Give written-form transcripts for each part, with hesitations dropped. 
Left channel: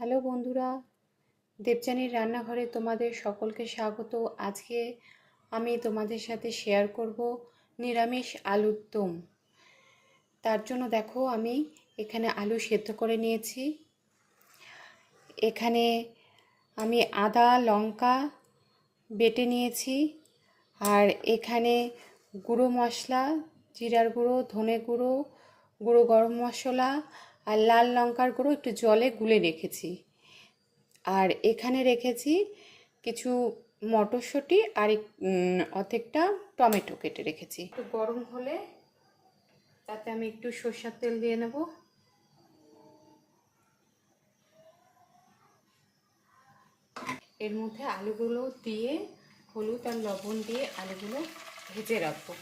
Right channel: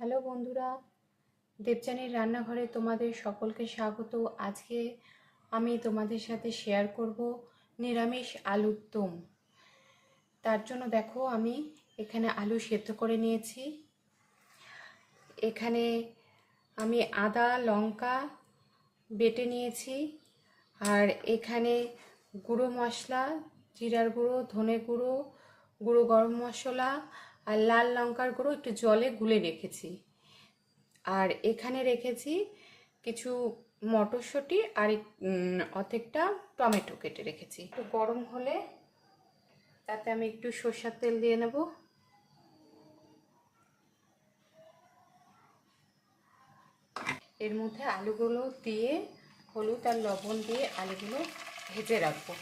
Hello বন্ধুরা, দেবযানীর রান্নাঘরে তোমাদের সকলকে স্বাগত। আজকে আমি তোমাদের সাথে শেয়ার করব নিরামিষ আলুর দম। তার জন্য দেখো আমি এখানে আলু সেদ্ধ করে নিয়েছি। এখানে আমি আদা লঙ্কা বেটে নিয়েছি, আর এখানে গুঁড়ো মশলা, জিরার গুঁড়ো, ধনে গুঁড়ো, গুঁড়ো গরম মশলা আর লাল লঙ্কার গুঁড়ো একটু জলে গুলে রেখেছি। আর এখানে রেখেছি কিছু মটরশুঁটি আর অর্ধেকটা টমেটো কেটে রেখেছি। একটু গরম হলে তাতে আমি একটু সরষের তেল দিয়ে নেব। এর মধ্যে আলুগুলো দিয়ে হলুদ আর লবণ দিয়ে আলুগুলো ভেজে রাখবো।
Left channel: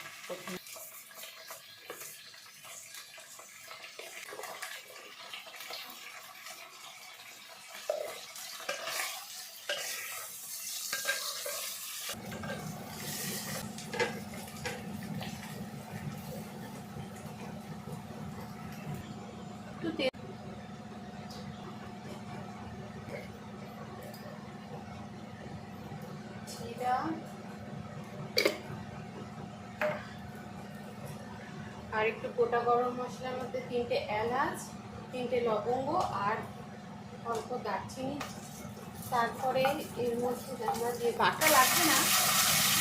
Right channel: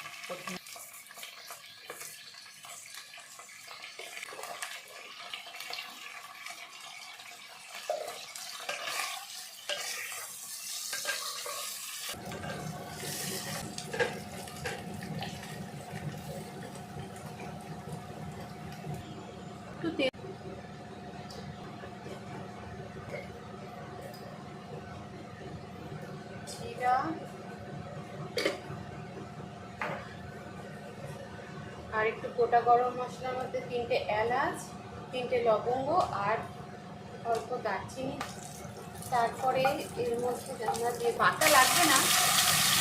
জিরা আর একটু গোটা গরম মশলার মধ্যে 3টে এলাচ, 3টে লবঙ্গ আর অল্প দারচিনি। তারপরে এর মধ্যে আমরা যে বাটা লাগবে না,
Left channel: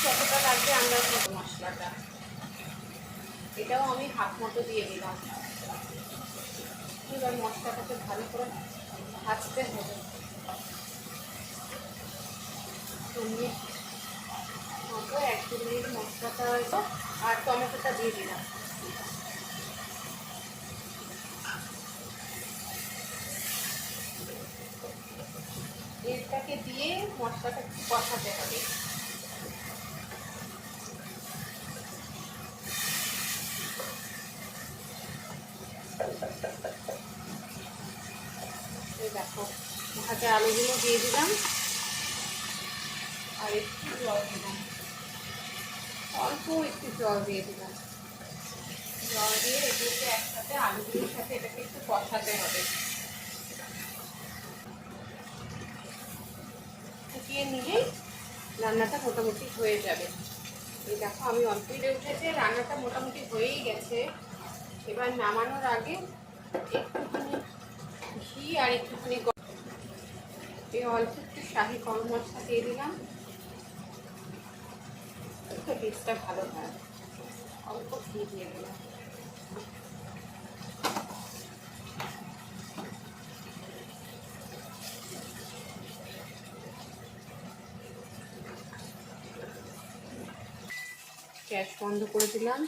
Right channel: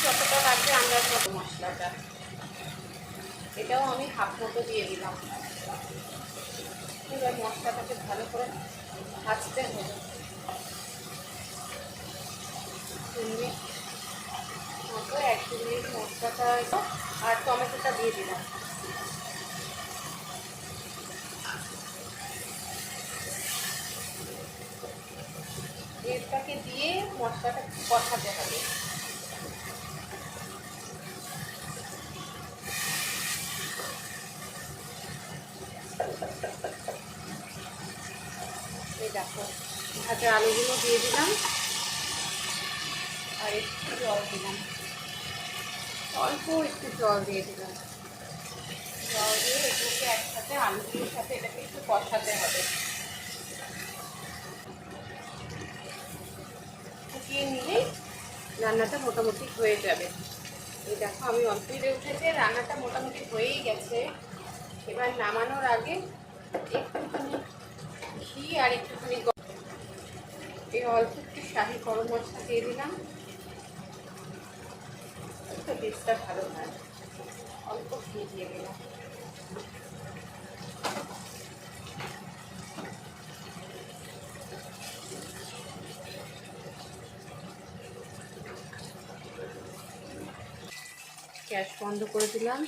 যতটা লাগবে আমরা মশলাটা, এটাও আমি হাফ মতো দিয়ে দিলাম। এবার মশলাটাকে ভালো করে ভাজতে হবে। মতো 1-2 মিনিট মশলাটা আর টমেটোটা দিয়ে দিলাম। এটাকে দিয়ে মশলাটা কষাতে হবে। এই দেখো ভাজা আলুগুলো দিয়ে দিলাম আর একটু জল দিলাম, অল্প একটু জল দিয়ে দিলাম। জল দিয়ে এগুলোকে একসাথে আলুগুলোর সাথে এটাকে একটু কষাতে হবে। ফুটিয়ে নিলেই রান্নাটা মোটামুটি হয়ে যাবে। এই দেখো আমি অল্পই উঠেছে, রান্নাটা মোটামুটি হয়েই গেছে। এবার নামানোর আগে একটুখানি ঘি আর একটুখানি এই অল্প একটু শাহি গরম মশলা দিয়ে দিলাম, একটু টেস্টটা ভালো হয়। অল্প ঘি দিয়ে দিলাম। গ্যাস বন্ধ করে দিলাম।